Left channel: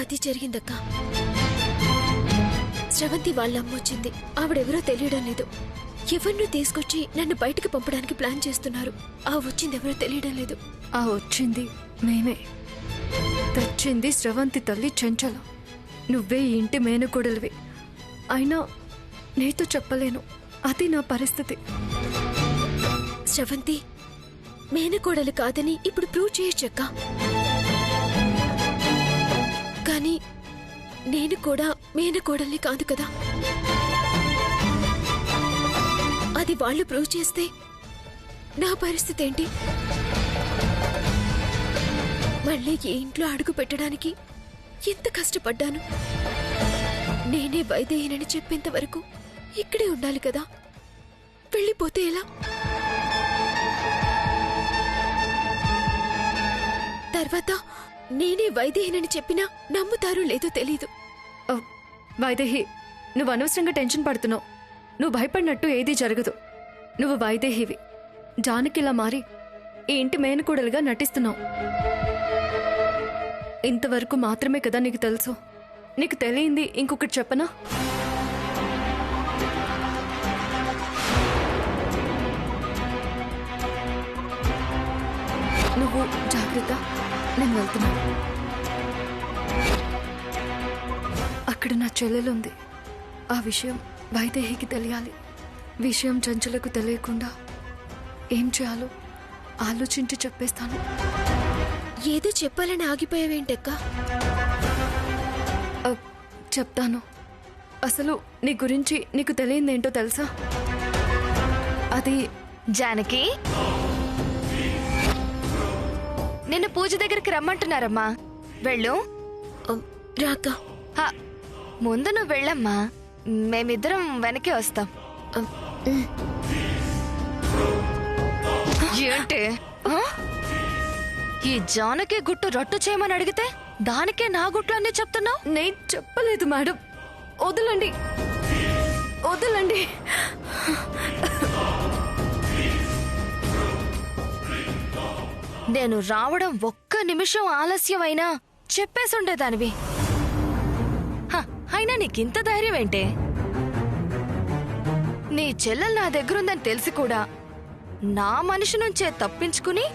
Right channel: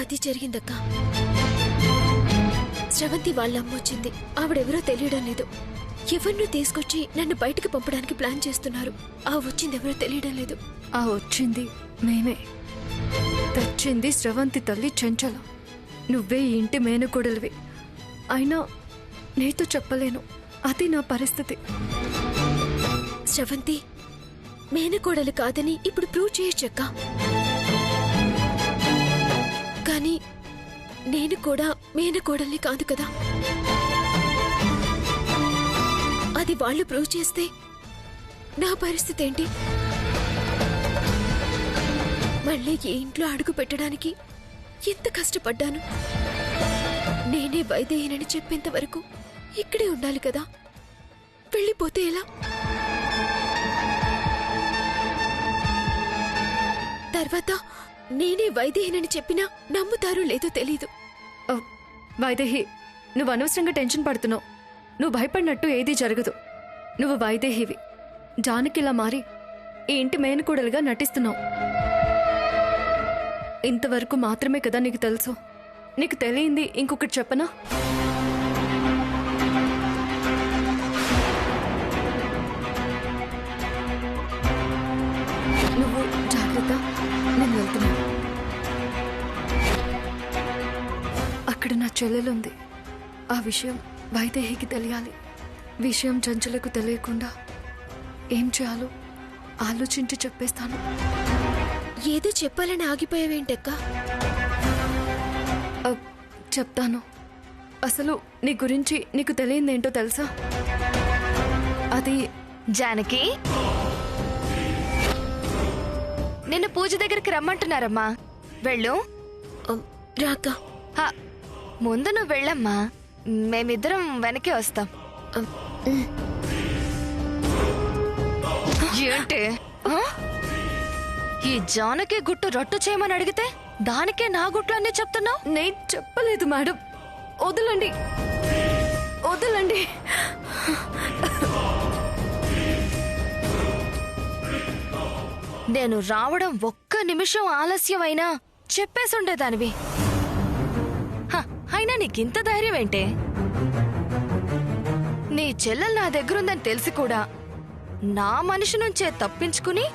అది జరిగిందక్క. శ్రవంతి వాళ్ళమ్మ వచ్చింది. ఆవిడెవరో తెలియడం లేదు. ఎవరినో తీసుకొచ్చి నన్ను బయటికి పంపడానికి ప్లాన్ చేస్తున్నారు. ఆ వచ్చిందెవరో తెలియడం లేదు. ఆ వచ్చింది మేమే. తెచ్చింది శ్రవంతి తల్లి చెంచల. నువ్వే ఈ ఇంటి మేనకోడలివి. అయినా నీతో చెప్పలేను. అది నా పరిస్థితి. శ్రవంతి మేనకోడలు కాదని ఇప్పుడు ప్రూవ్ చేయొచ్చక్క. కానీ నేను కూడా మేనకోడల్ని కాదు కదా. అది వాళ్ళు ప్రూవ్ చేస్తే నా పరిస్థితి ఏంటి? మళ్ళీ ఈ ఇంట్లో అడుగు పెట్టడానికి ఎంత కష్టపడ్డాను. నేనే వైదేహినని చెప్పేంత వరకు ఇక్కడే ఉండాలి కదా. వెళ్ళిపోతే ఎలా? తర్వాత నేనే వైదేహినని చెప్పినా నమ్ముతారో లేదో తెలీదు. వైదేహి, నువ్వు అనవసరంగా టెన్షన్ పడుతున్నావు. నువ్వు భయపడినట్టు ఏదీ జరగదు. నువ్వు వైదేహివి. జానకిలా మారి ఈ ఇంటి మేనకోడలుగా నటిస్తున్నావు. ఇంతవరకు మాత్రమే కదా నీకు తెలుసు. నీకు తెలియంది ఇంకొకటి చెప్పనా? నువ్వు జాగ్రత్త, నేను వెళ్తున్నాను. అక్కడ నా చెల్లెలుంది. ఆ విషయం వైదేహికి తెలియాలి. విషయం చంచలకు తెలియకుండా ఏం చేయాలో ఆలోచించి చెప్పేస్తాను. ఏదో చెప్పాలని ఆగిపోయావేంటక్క? చెప్తాను. అసలు నీ గురించి నీకు తెలియదేంటో తెలుసా? అది జానకి, నిన్ను పూజ దగ్గరికి రమ్మంటున్నారమ్మా. వెళ్ళు. రాక ముందు నువ్వు వెళ్ళమ్మా. మేమిద్దరం వెనకే వస్తాం. ఏంటి ఈ జానకి గుట్టు రట్టు చేయమని అడిగితే దానికే నా గుట్లు అన్నీ చెప్తున్నావు? నేను చెప్పలేదు మేడం. వదలండి, వదలండి. నేను రావడం ఒక్క నిమిషం ఆలస్యమైనా చెప్పేసుండేదానివి. అయినా నీకింత ధైర్యం ఏంటే? నీ చెల్లెలు నా దగ్గరుందని తెలిసి కూడా నా మనిషి నుంచే తప్పించుకుని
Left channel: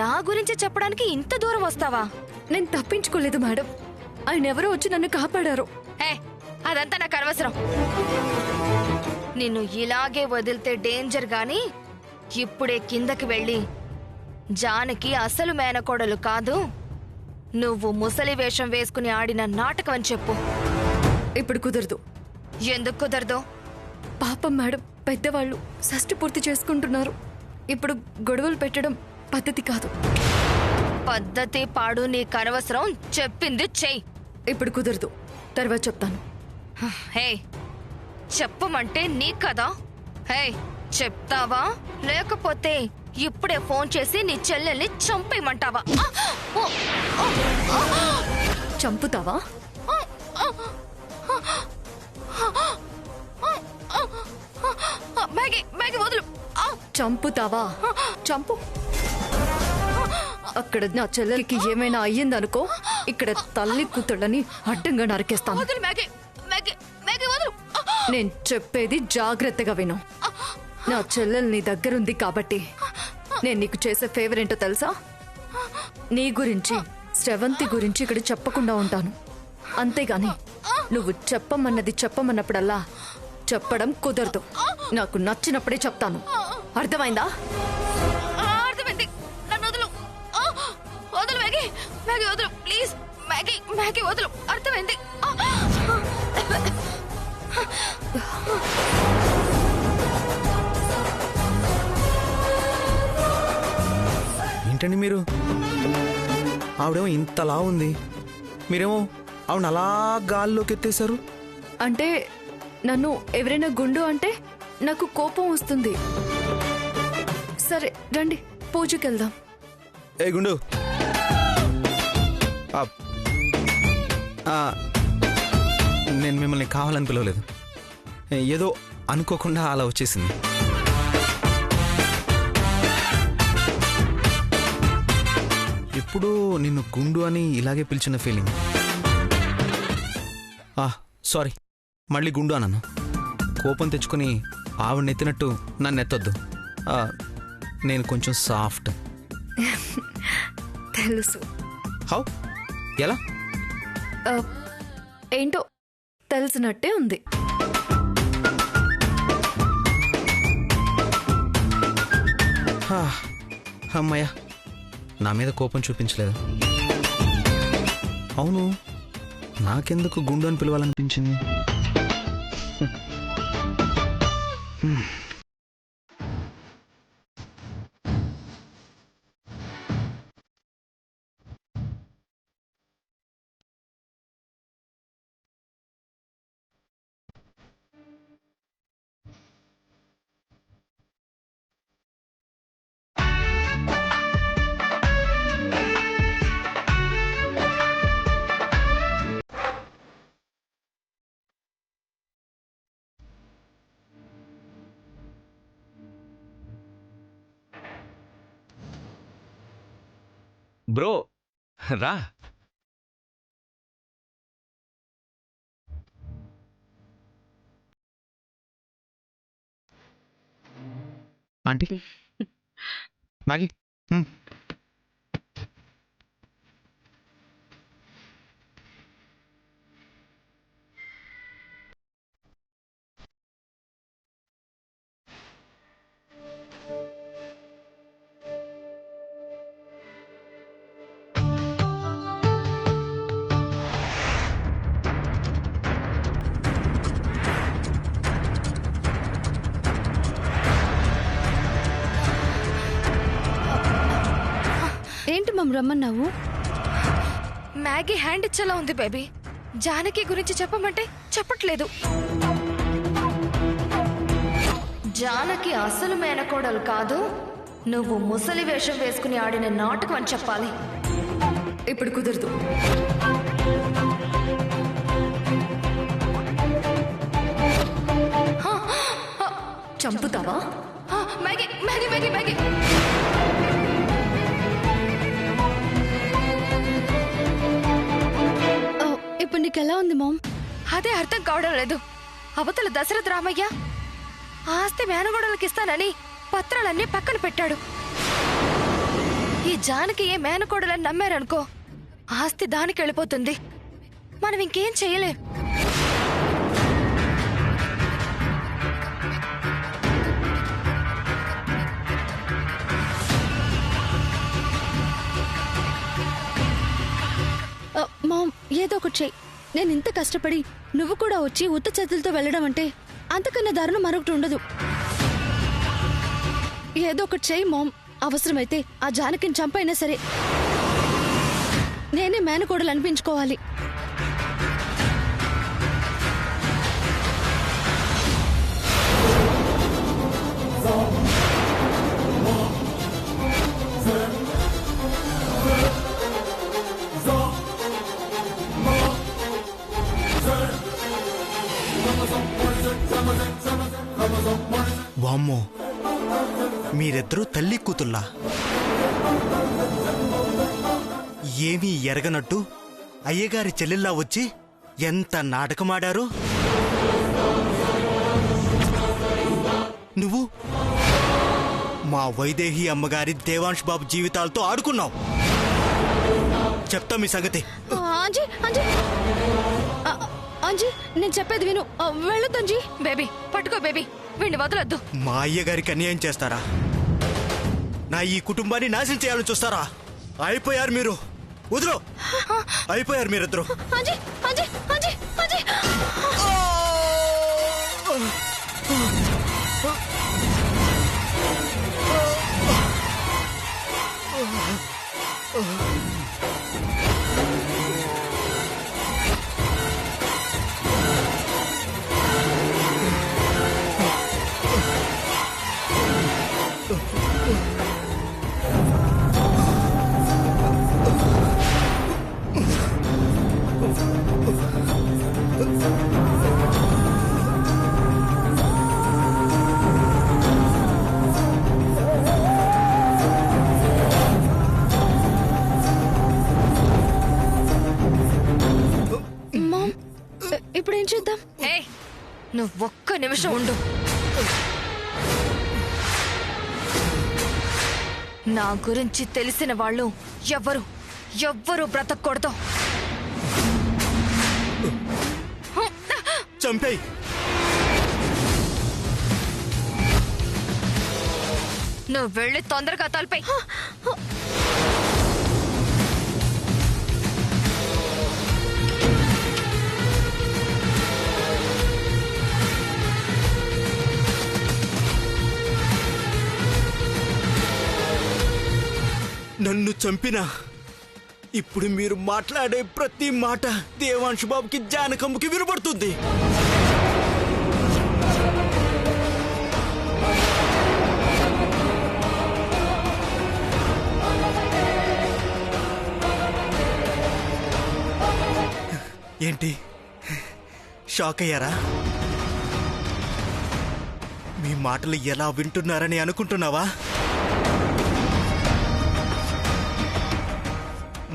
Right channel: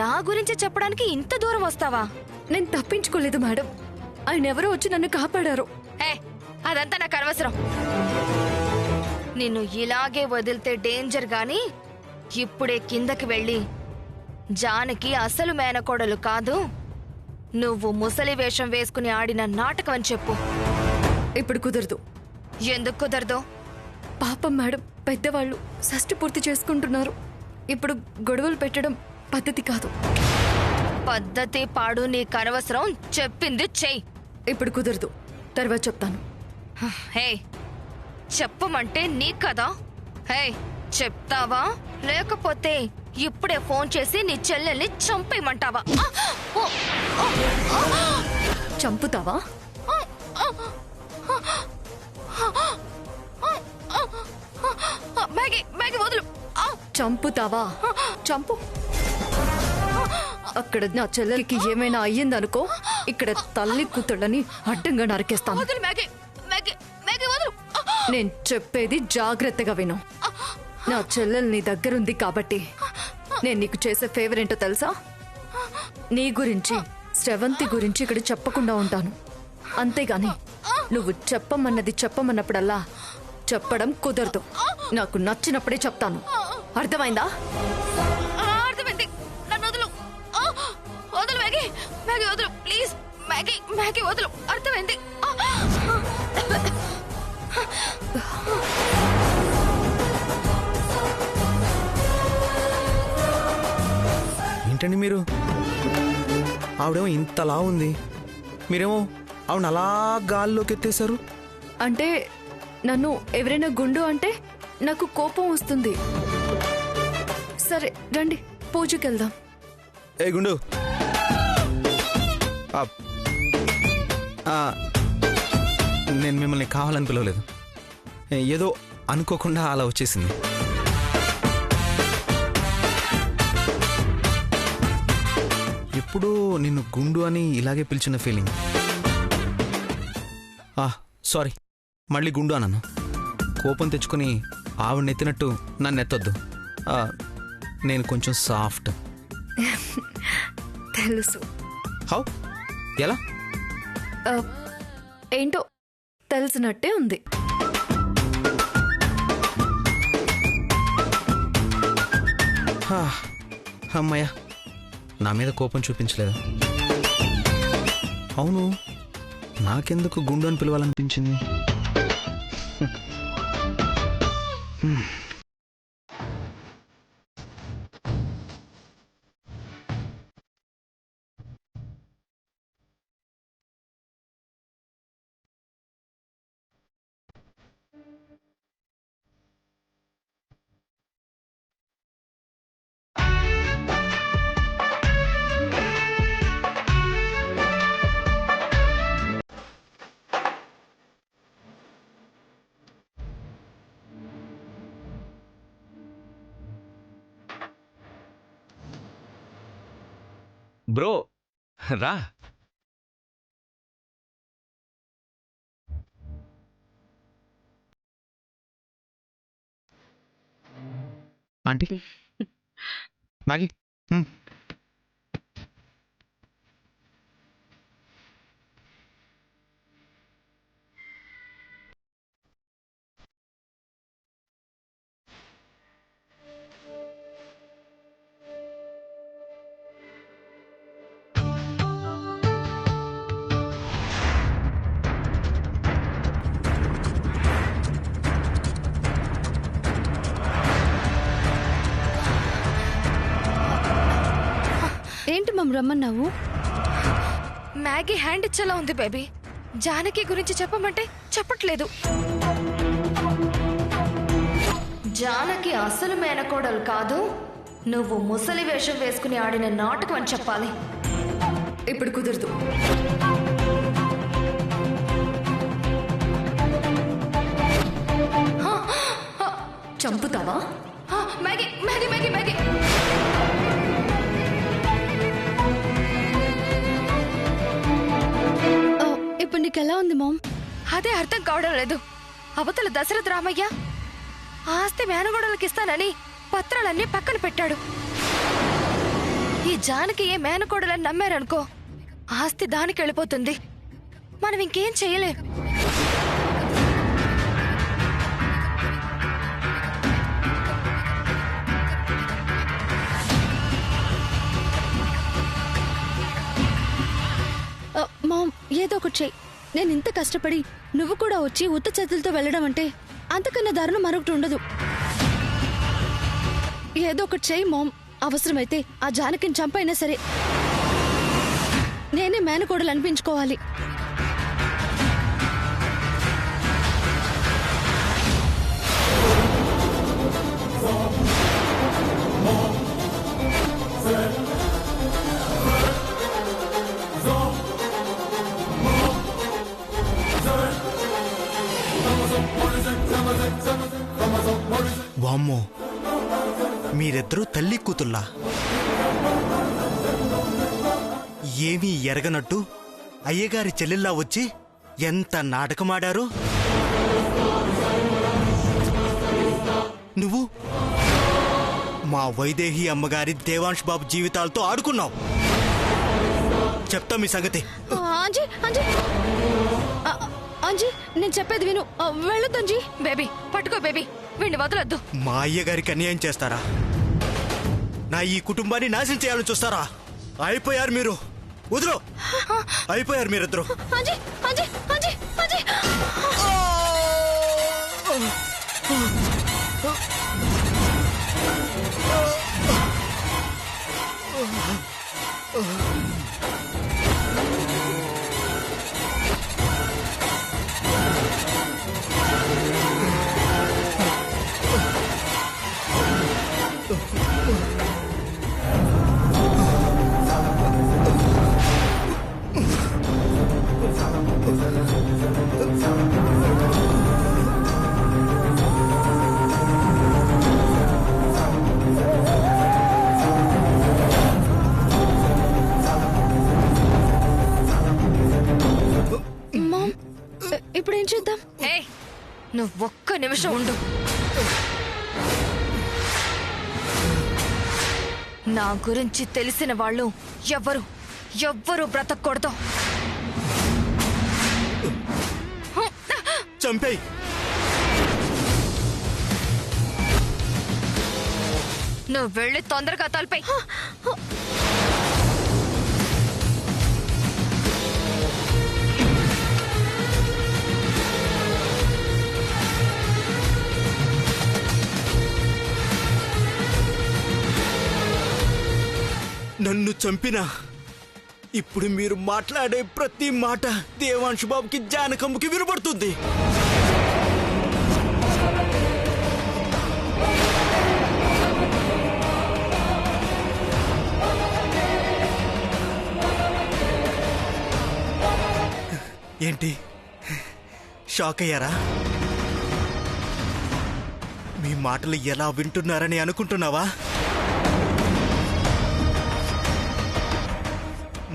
నా గురించి చెప్పడానికి ఇంత దూరం వస్తావా? నేను తప్పించుకోలేదు మేడం. ఆయన ఎవరో వచ్చి నన్ను కాపాడారు. అదంతా నాకు అనవసరం. నిన్ను ఇలాగే వదిలితే డేంజర్ గాని ఇప్పుడే కిందకి వెళ్ళి జానకి అసలు మేనకోడలు కాదు, నువ్వు ముసలి వేషం వేసుకుని ఆడిన నాటకం అని చెప్పు. ఇప్పుడు కుదరదు. ఎందుకు కుదరదు? పాపం మేడం, పెద్దవాళ్ళు షష్ఠి పూర్తి చేసుకుంటున్నారు. ఇప్పుడు గొడవలు పెట్టడం పద్ధతి కాదు. పద్ధతి పాడు నీకు అనవసరం. చెప్పింది చెయ్యి. ఇప్పుడు కుదరదు, తర్వాత చెప్తాను. హే, చెప్పమంటే నీ కదా. హే, చెప్తావా లేకపోతే ఇప్పుడే ఫోన్ చేసి నీ చెల్లెల్ని చంపేయమంటావా? చంపుతావా? వదులు. చంపుతావా? చంపు. అక్కడ నా చెల్లెలికి ఏమైనా అయ్యిందనుకో, ఇక్కడ తల్లి కూతుళ్ళని అడ్డంగా నరికేస్తాను. నేను చెప్పేది జాగ్రత్తగా విను. నా చెల్లెలు నీ దగ్గరుంది కాబట్టి నేను నీకు చేసే ఫేవర్ ఏంటో తెలుసా? నీ గురించి, శ్రవంతి గురించి ఇక్కడ చెప్పకుండా ఉంటాను. అంతేగాని నువ్వు చెప్పమన్నప్పుడల్లా చెప్పడం కుదరదు. నాకు నచ్చినప్పుడే చెప్తాను. అర్థమైందా? అర్థమైంది. నన్ను వదులు. వదులు మ్యాగీ. మ్యాగీ వదులు ప్లీజ్. మ్యాగీ వదులు. అర్థమైంది. ఏంటండి మీరు? ఆవిడేమో ఇంతలా ఉంది, మీరేమో ఆవిడ అలా గాల్లోకి ఎత్తేశారు. అంటే నన్ను ఎవరైనా గుండు అంటే నాకు కోపం వస్తుంది. సరే రండి, పూజకెళ్దాం. ఏ గుండు, నేను మిమ్మల్ని కావాలని పిలవలేదు. ఏదో అనుకోకుండా అలా వచ్చేసింది. ఎప్పుడూ నిన్ను గుండు అని ఇలాగే పిలిచిన ఫీలింగ్. సారీ, మళ్ళీ గుండు అన్నాను. కోపం తెచ్చుకుని ఆవిడనెత్తినట్టు నన్ను ఎత్తొద్దు. నేను కొంచెం సాఫ్ట్. తెలుసు. హౌ? ఎలా? ఏంటో తెలిసినట్టే ఉంది. అమ్మయ్య, నా మీద కోపం చూపించలేదు. అవును, నాకెందుకు గుండు అని పిలవాలనిపించింది? బ్రో రా. Aunty, Maggi. ఏంటి మమ్ రమ్మన్నావు? మ్యాగీ హ్యాండ్ ఇచ్చేలా ఉంది బేబీ. జానకి గురించి చెప్పమంటే చెప్పట్లేదు. జానకి అసలు మేనకోడలు కాదు, నువ్వు ముసలి వేషం వేసుకుని ఆడిన నాటకం అని చెప్పాలి. ఇప్పుడు కుదరదు. చంపుతావా? మ్యాగీ మ్యాగీ మ్యాగీ మ్యాగీ ఇప్పుడు నీకెలా ఉంది మామ్? అదే అర్థం కావడం లేదు. అవతల దశరథ రామయ్య ఆస్తి మేనగోడలకి ఇస్తానని పత్రాలన్నీ పక్కన పెట్టాడు. ఈ జానకి ఏ మేనకోడలని నమ్మారనుకో, ఆస్తి దానికి వెళ్ళిపోతుంది. మనం ఇంకేం చేయలేం. మామ్, ఏదో ఒకటి చెయ్యి. నేను ఇంత కష్టపడి నువ్వు కూడా వచ్చి ఉత్త చేతులతో వెళ్ళడం అంటే అంతకన్నా దారుణం మరొకటి ఉండదు. ఏదో ఒకటి చెయ్యి మామ్. అవసరమైతే ఆ జానకిని చంపైనా సరే నేనే మేనకోడలు అనిపించుకోవాలి. వామ్మో, మీరిద్దరూ తల్లి కూతుల్లా. ఏమీ ఎరగనట్టు అయ్యగారి చెల్లెల్లా వచ్చి ఎంత నాటకమాడారు. నువ్వు మా వైదేహి అమ్మగారి దేవాంశ్ బాబు జీవితాలతో ఆడుకున్నావు. చెప్తా మీ సంగతి. అంజీ అంజీ అంజీ, నేను చెప్పేది విను. వెళ్ళొద్దు అంజీ. బేబీ పట్టుకో బేబీ, వీడిని వదలొద్దు. మా అయ్యగారికి అన్యాయం చేస్తారా? నా ఈ కుటుంబాన్ని నాశనం చేయాలని చూస్తారా? అయిపోయారు మీరు. వదిలో, అయిపోయారు మీరిద్దరు. అంజీ అంజీ అంజీ అంజీ. ఇప్పుడు ఏం చేద్దాం? ఏయ్, నువ్వు ఒక్క నిమిషం ఉండు. నా గురించి తెలిసిన వాళ్ళు ఎవ్వరు బ్రతకూడదు. చంపేయ్. నువ్వు వెళ్ళి తొందరగా తలపై. నన్ను చంపినా ఇప్పుడు మీరు మాట్లాడే ప్రతి మాట దేవాంశు బాబుకి జానకమ్మకి వినపడుతుంది. ఏంటి షాక్ అయ్యారా? మీ మాటలు ఎలా వింటున్నారని అనుకుంటున్నావా?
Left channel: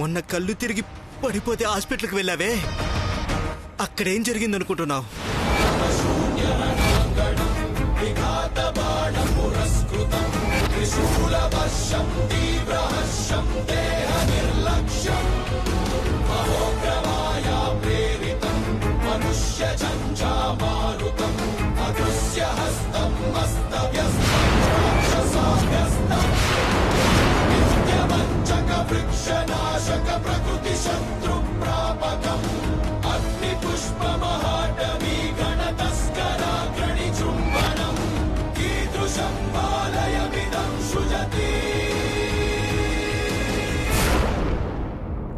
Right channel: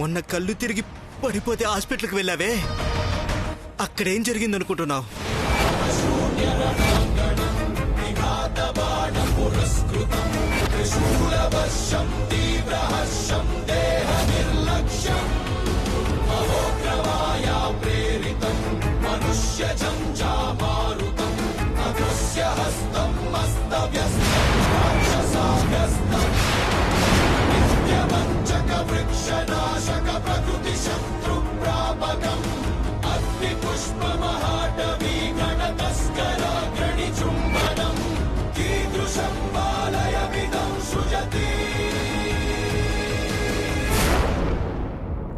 మొన్న కళ్ళు తిరిగి పడిపోతే హాస్పిటల్కి వెళ్ళావే, అక్కడేం జరిగిందనుకుంటున్నావు?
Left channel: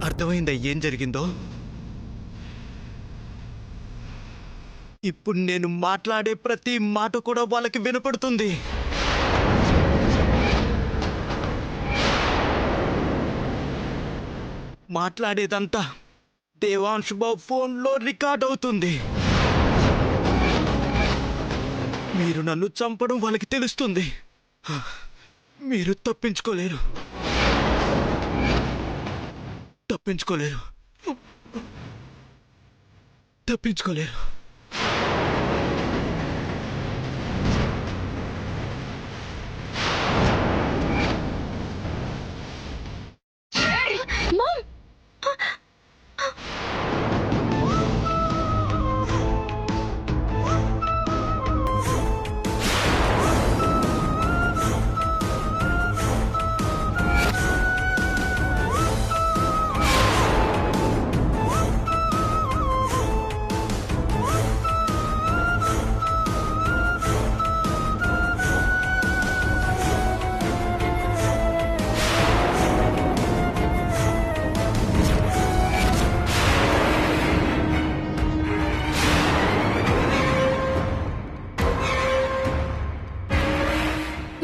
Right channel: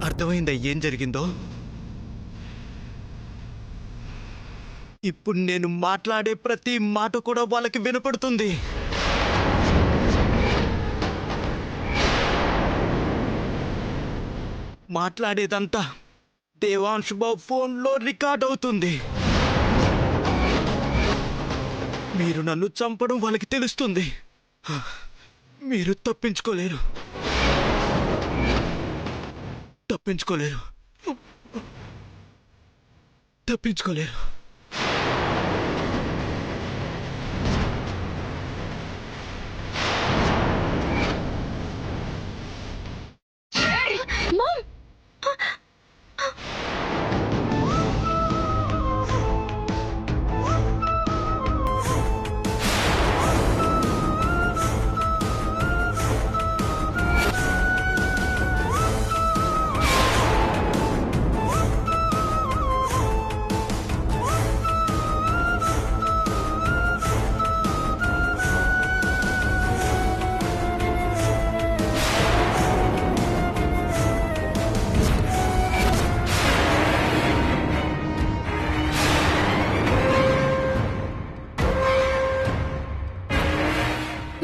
అర్థమైందా ఏం జరిగిందో? ఇప్పుడు నేను మాట్లాడే ప్రతి మాట కూడా వాళ్ళకి వినపడుతుంది. మాట్లాడేదంతా దేవాంశు బాబు ఫోన్లో రికార్డ్ అవుతుంది. మీరు నన్ను చంపడం వాళ్ళకి తెలుస్తుంది. మీరు తప్పించుకోలేరు.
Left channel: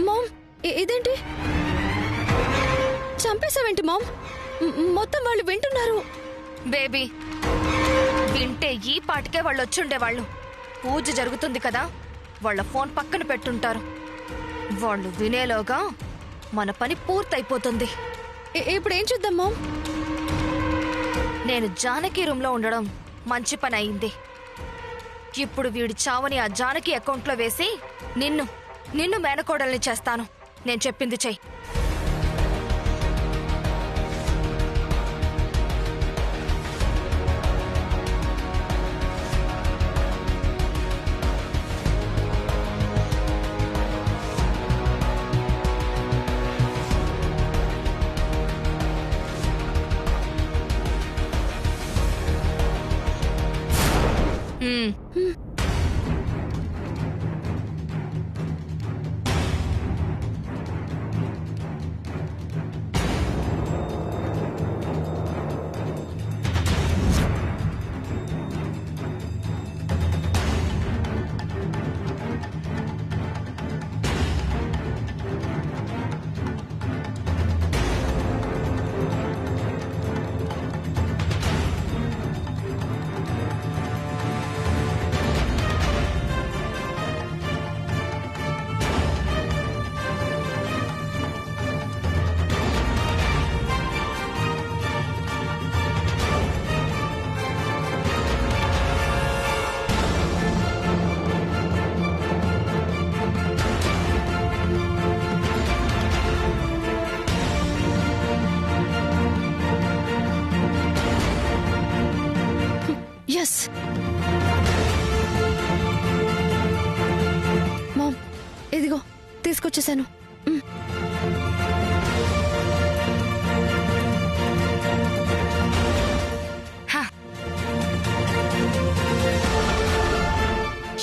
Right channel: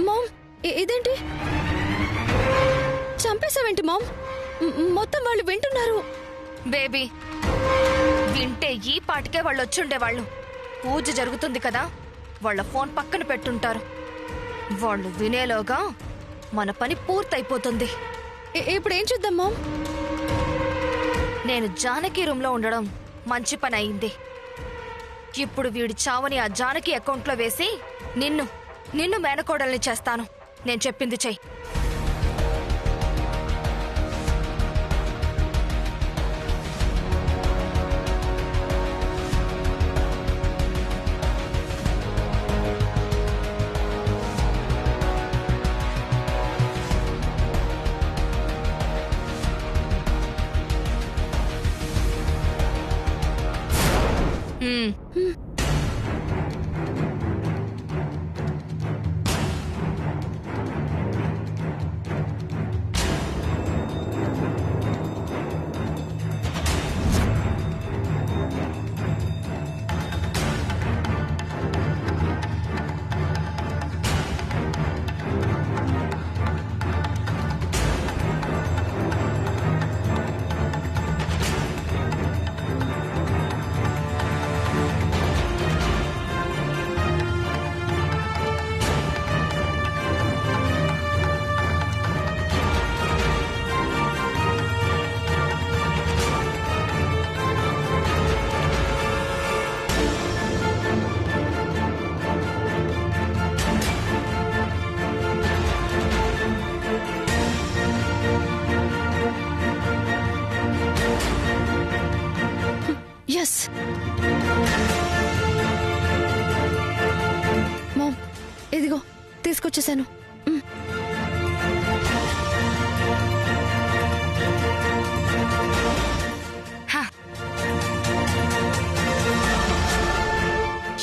మామ్! ఇదేంటి? చంపేశావేంటి మామ్? మొత్తం వాళ్ళు వింటున్నారు. బేబీ, వింటే ఈ పాటికే వాళ్ళు వచ్చుండేవాళ్ళు. పూజ జరుగుతుంది కదా, వాళ్ళ ఫోన్ పక్కన పెట్టుంటారు. వాళ్ళు వినేలోగా మన పని పూర్తయిపోతుంది. ఇప్పుడు ఏం చేద్దాం మామ్? నేను జానకి రూమ్ లో ఉండడం మంచి పని అయింది. ఇప్పుడు వీడి చావని ఆ జానకి అకౌంట్లో వేసి నిన్ను మేనకోడల్ని చేస్తాను. నేను చెప్పింది చెయ్యి. ఎస్ మామ్, ఇదిగో తీసుకొచ్చేసాను.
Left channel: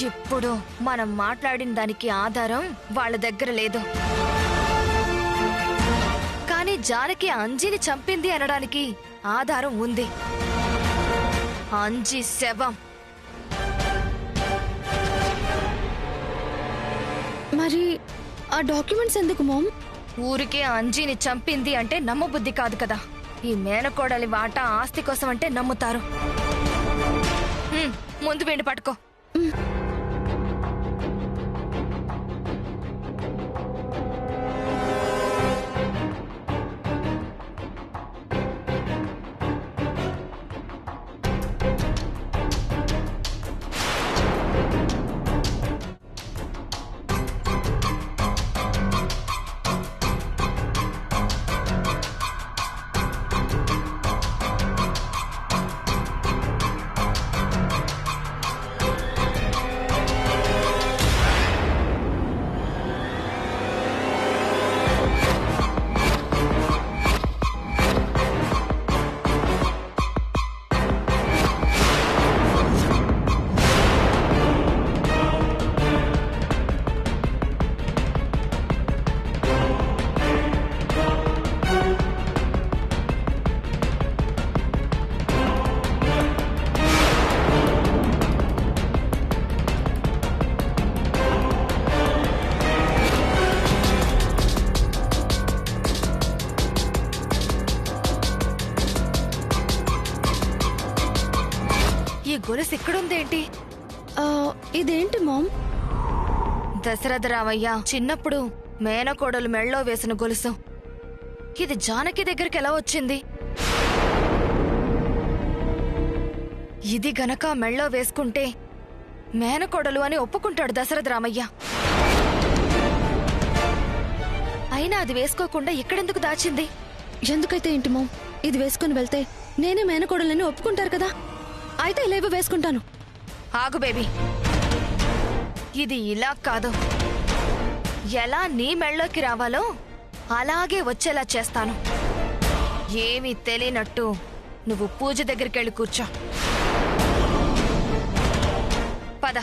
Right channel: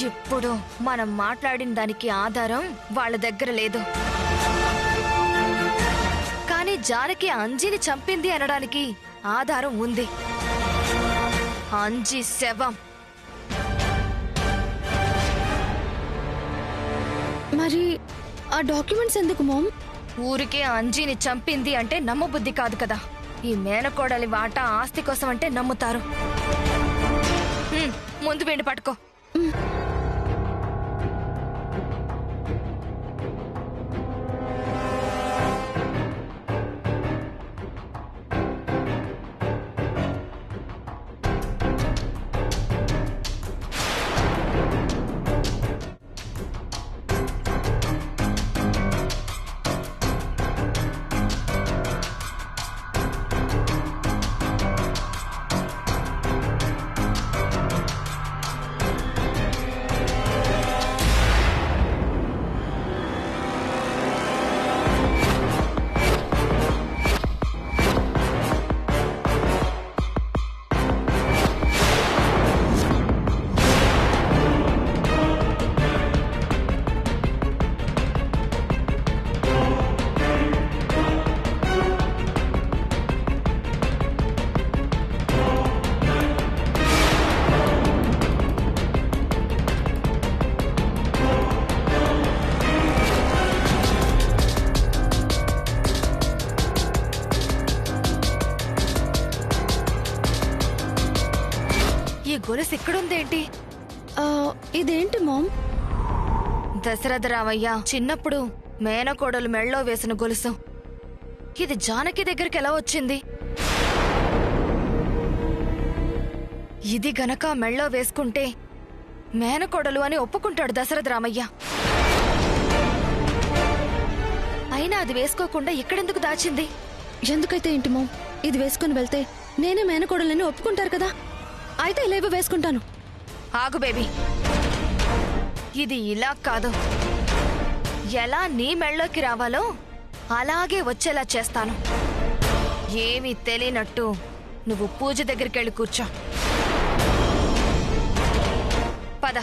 ఇప్పుడు మనం మాట్లాడిన దానికి ఆధారం వాళ్ళ దగ్గర లేదు. కానీ జానకి అంజీని చంపింది అనడానికి ఆధారం ఉంది. అంజీ శవం. మరి ఆ డాక్యుమెంట్స్ ఎందుకు మామ్? ఊరికే అంజీని చంపింది అంటే నమ్మబుద్ధి కాదు కదా. ఈ మేనకోడలి వాటా ఆస్తి కోసం అంటే నమ్ముతారు. ముందు వెండి పట్టుకో. ఈ గొలుసు ఇక్కడుందేంటి? ఇదేంటి మామ్? దశరథ రామయ్య చిన్నప్పుడు మేనకోడలు మెళ్ళో వేసిన గొలుసు. ఇది జానకి దగ్గరికి ఎలా వచ్చింది? ఇది గనక మెళ్ళో వేసుకుంటే మేనకోడలు అని ఒప్పుకుంటాడు దశరథ రామయ్య. అయినా అది వేసుకోకుండా ఇక్కడెందుకు దాచింది? ఎందుకైతే ఏంటి మామ్, ఇది వేసుకుని వెళ్తే నేనే మేనకోడలని ఒప్పుకుంటారు కదా. అయితే ఇలేవో వేసుకుంటాను. ఆగు బేబీ, ఇది ఇలా కాదు. ఎలా నీ మెళ్ళోకి రావాలో అలాగే వచ్చేలా చేస్తాను. ఏమీ తెలియనట్టు నువ్వు పూజ దగ్గరికి వెళ్ళి కూర్చో. పద.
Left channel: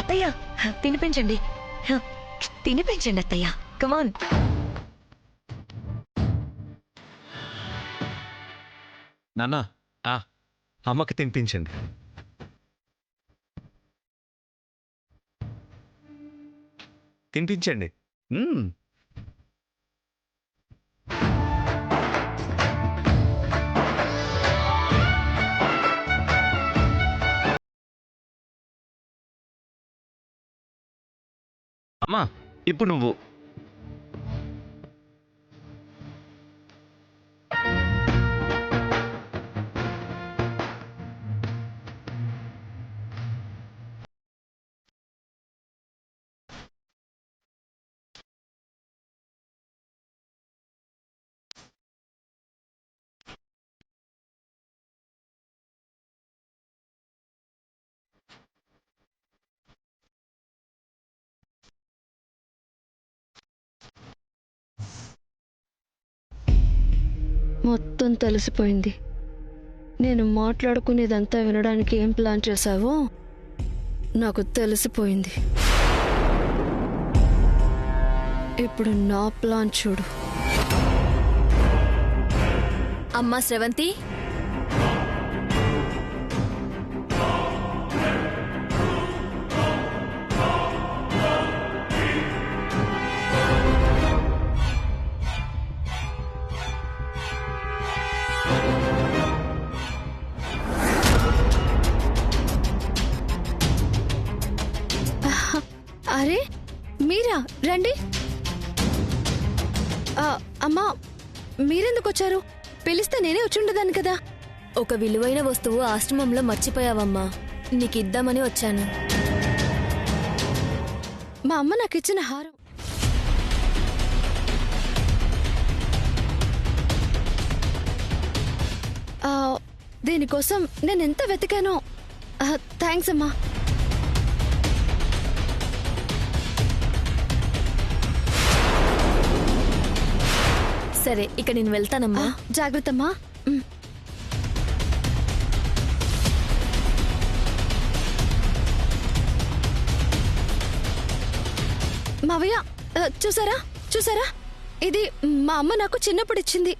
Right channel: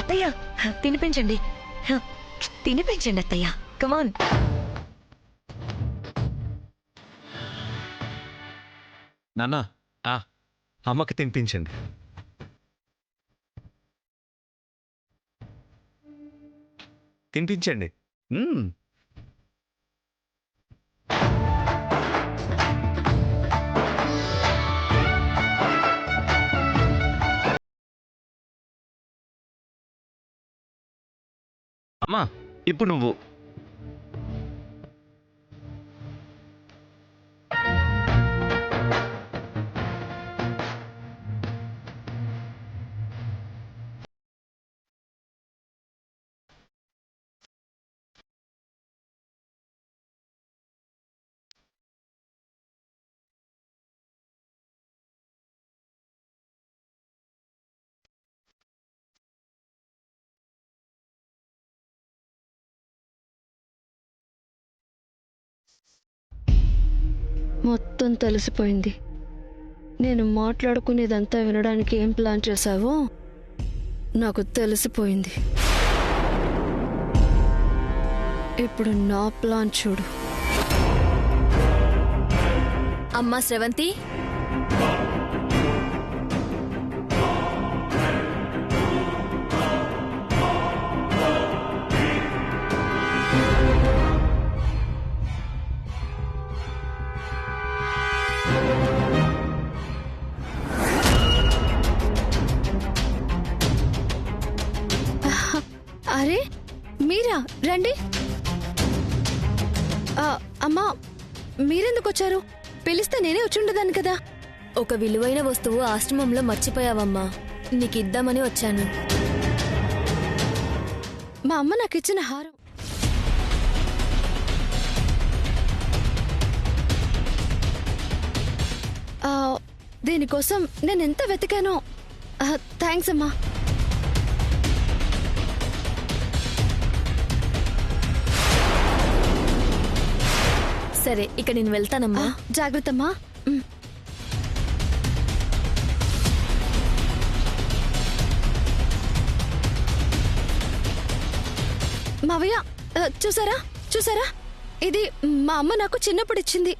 అత్తయ్య తినిపించండి, తినిపించండి అత్తయ్య. కమాన్. నాన్న అమ్మకి తినిపించండి. తినిపించండి. అమ్మా ఇప్పుడు నువ్వు మొత్తం తెలిసిపోయింది. నేను మాట్లాడుకునేదంతా వినడానికి ఏం ప్లాన్ చేశావో నాకు తెలిసిపోయింది. ఇప్పుడు నా ప్లాన్ చూడు. అమ్మా శ్రవంతి, అరే మీరా, రండి. అమ్మా మీరెందుకు వచ్చారు? పిలిస్తే నేనే వచ్చుండదాన్ని కదా. ఒక విలువైన వస్తువు ఆశ్రమంలో మర్చిపోయావమ్మా, నీకిద్దామని వచ్చాను. మా అమ్మ నాకు ఇచ్చిన హారం. దీనికోసం నేను ఎంత వెతికానో. థ్యాంక్స్ అమ్మా. సరే ఇక నేను వెళ్తానమ్మా. జాగ్రత్తమ్మా. మావయ్య, చూసారా చూసారా, ఇది మా అమ్మ నాకు చిన్నప్పుడు ఇచ్చింది.